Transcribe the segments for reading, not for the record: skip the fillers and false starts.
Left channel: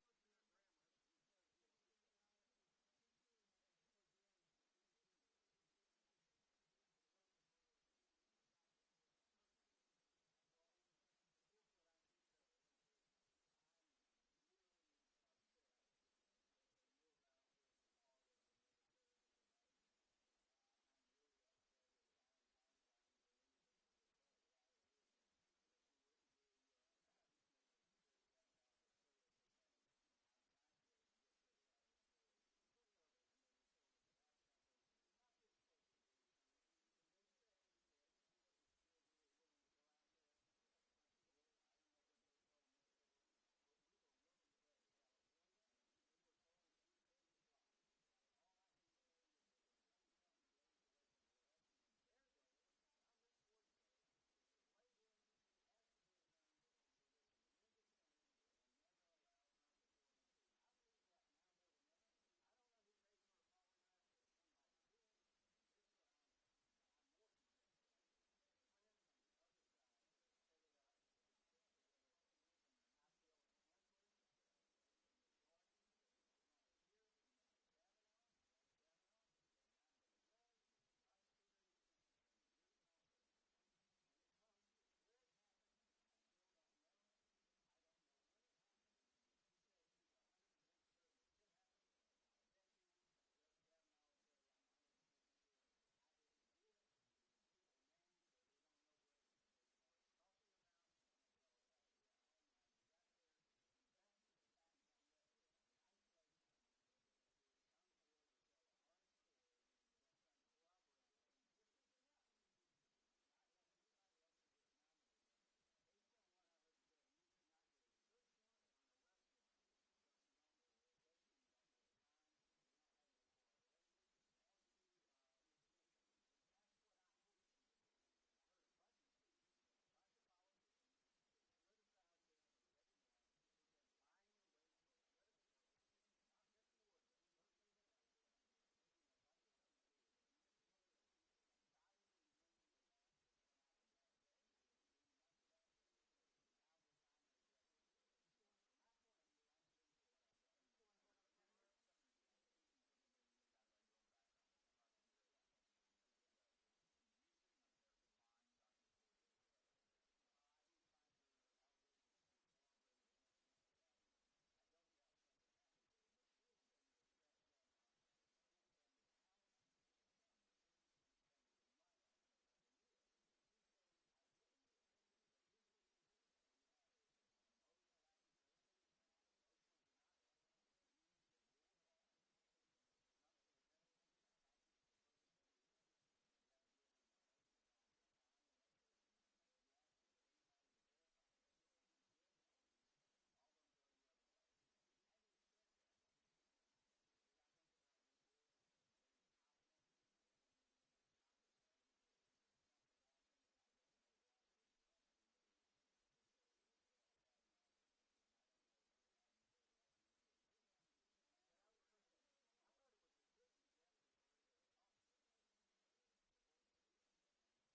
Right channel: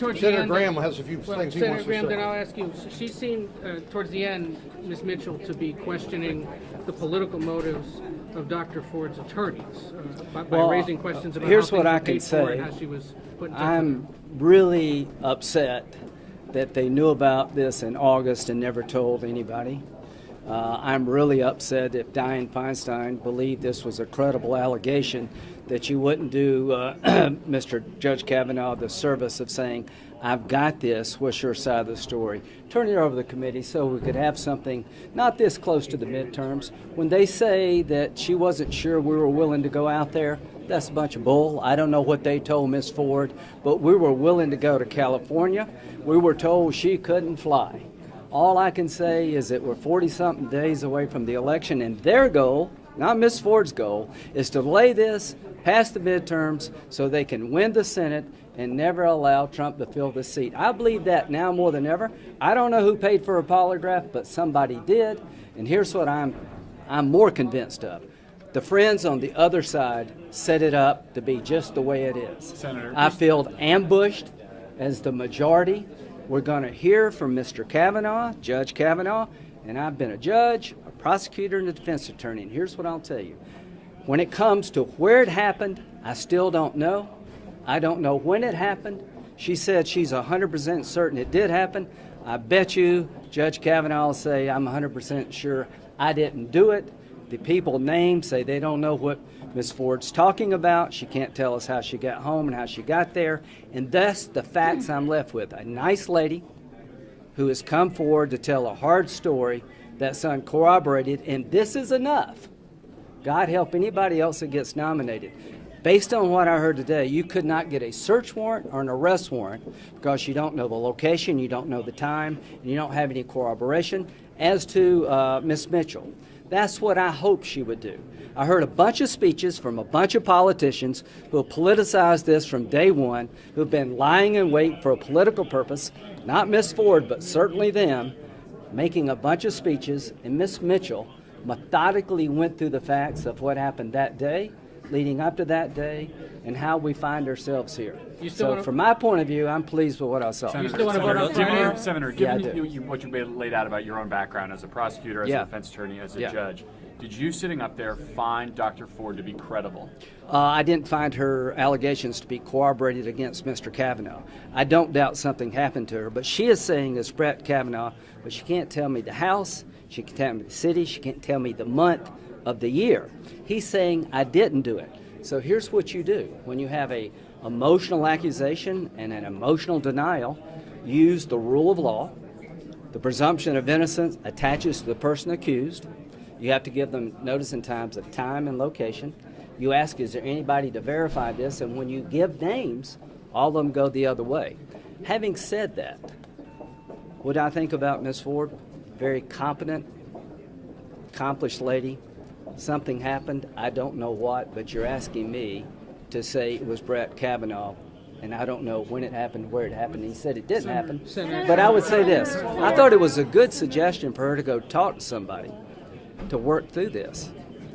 Senator Graham has a few things he wants to say. Senator Graham, then I'll ask you. She seemed, towards the end, Ms. Mitchell, to be questioning the political motives of Dr. Ford's attorneys by raising questions about here's how what things I were can paid for say. and how she was put in touch I'm really upset that they knew about this in August and never told anybody. I'm really upset if Dianne Feinstein believed this was a credible allegation, that you wouldn't do Mr. Judge Kavanaugh the service of saying, I've got this, what's your side of the story? Turn it over to the committee so we could have something not this close to the midterms. When they say that she wasn't sure we were willing to go out there, that's a bunch of bull. I don't know what they told Ms. Ford, but we were willing to go to California. We were told she couldn't fly. All I can say is that we're 40-something days away from the election, and their goal, not Ms. Ford's goal, is to delay this, pass the midterms, so they can win the Senate and never allow Trump to fill the seat. I believe that now more than ever. I don't know who paid for a polygraph, but somebody did, and here's what I'm more convinced of. The friends on the other side set it up to be just the way it is. Senator, I feel ambushed as the majority. We're going to hear from Mr. Kavanaugh, Judge Kavanaugh, and I've been a judge, a prosecutor, and a defense attorney, and here's what I'll tell you. When it comes to where it happened, I still don't know. I don't know when it happened. She said she's 100% certain it did happen. I bet you Judge Kavanaugh will say, I'm 100% sure I didn't do it. The people named say they don't know what Ms. Ford's talking about. She can't tell us how she got home and how she got there. And thus the facts I'm left with. A nice lady who has come forward to tell a hard story that's uncorroborated, and this is enough. God help anybody else that gets nominated. Based on what I heard today, you could not get a search warrant or an arrest warrant because you don't know the location, you don't know the time, and you don't have any corroboration. As to Ms. Mitchell, that's what I hoped she would do. I heard a bunch of speeches from a bunch of politicians who have politicized this from day one, who have been lying in wait for a political purpose, not Ms. Ford, but certainly them, making a bunch of speeches, and Ms. Mitchell methodically went through the facts of what happened that day, leading up to that day, and how we find ourselves here. So from my point of view, I'm pleased with what I saw. Senator, given what you laid out about your own background as a prosecutor, as a defense attorney, as a judge, did you sitting up there find Dr. Ford to be credible? I didn't find her allegations to be corroborated against Mr. Kavanaugh. I don't doubt something happened to her, but she is saying it's Brett Kavanaugh, but she can't tell me the house, she can't tell me the city, she can't tell me the month of the year. He's saying I didn't do it. So here's what you do. When you have a emotional accusation and an emotional denial, use the rule of law. The presumption of innocence attaches to the person accused. You have to give them notice and times of time and location. You ask, is there anybody to verify this? And when you give names, all of them go the other way. Having said that, what I think about Ms. Ford, very competent, accomplished lady. Something happened, I don't know what, but you're asking me to say it was Brett Kavanaugh, and I don't know when it happened, where it happened. He said it didn't happen. But I would say this. I thought it was a good suggestion for her to go talk to somebody to work through this.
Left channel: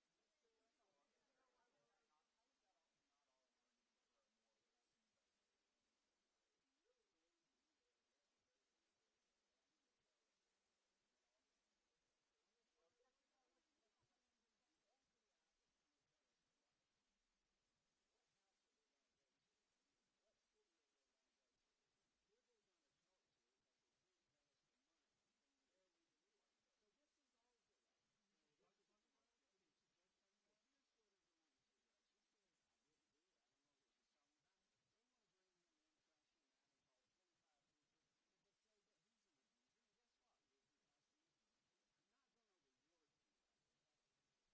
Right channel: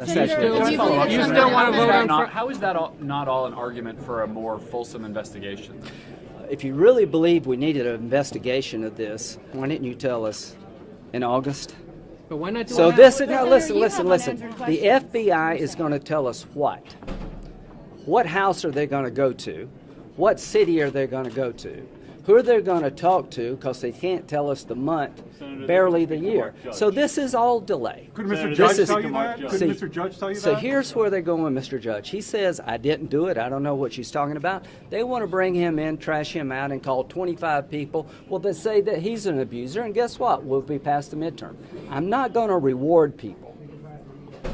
You still want to vote on? How is that not all an argument for a more fulsome investigation? If you really believe we needed an investigation of this, why didn't you tell us in August? But why not do So it this, now? now listen. The FBI is going to tell us what? What house are they going to go to? What city are they going to go to? Who are they going to talk to? Because they can't tell us the month, barely the year. So this is all delay. Could Mr. Judge tell you that? Could Mr. Judge tell you that? So here's where they're going with Mr. Judge. He says, I didn't do it. I don't know what she's talking about. They want to bring him in, trash him out, and call 25 people. Well, they say that he's an abuser, and guess what? We'll be past the midterm. I'm not going to reward people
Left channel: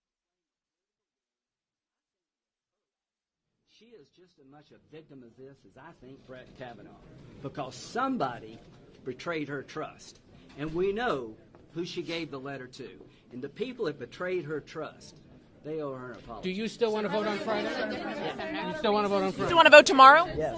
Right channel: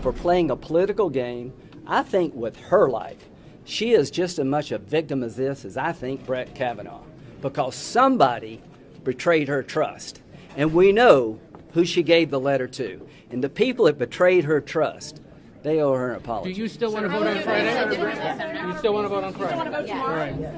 for playing a political game. I think with her life, she is just as much a victim as this as I think Brett Kavanaugh, because somebody betrayed her trust. And we know who she gave the letter to. And the people that betrayed her trust, they owe her an apology. Do you still want to vote on Friday? You still want to vote on Friday? You still want to vote tomorrow? Yes.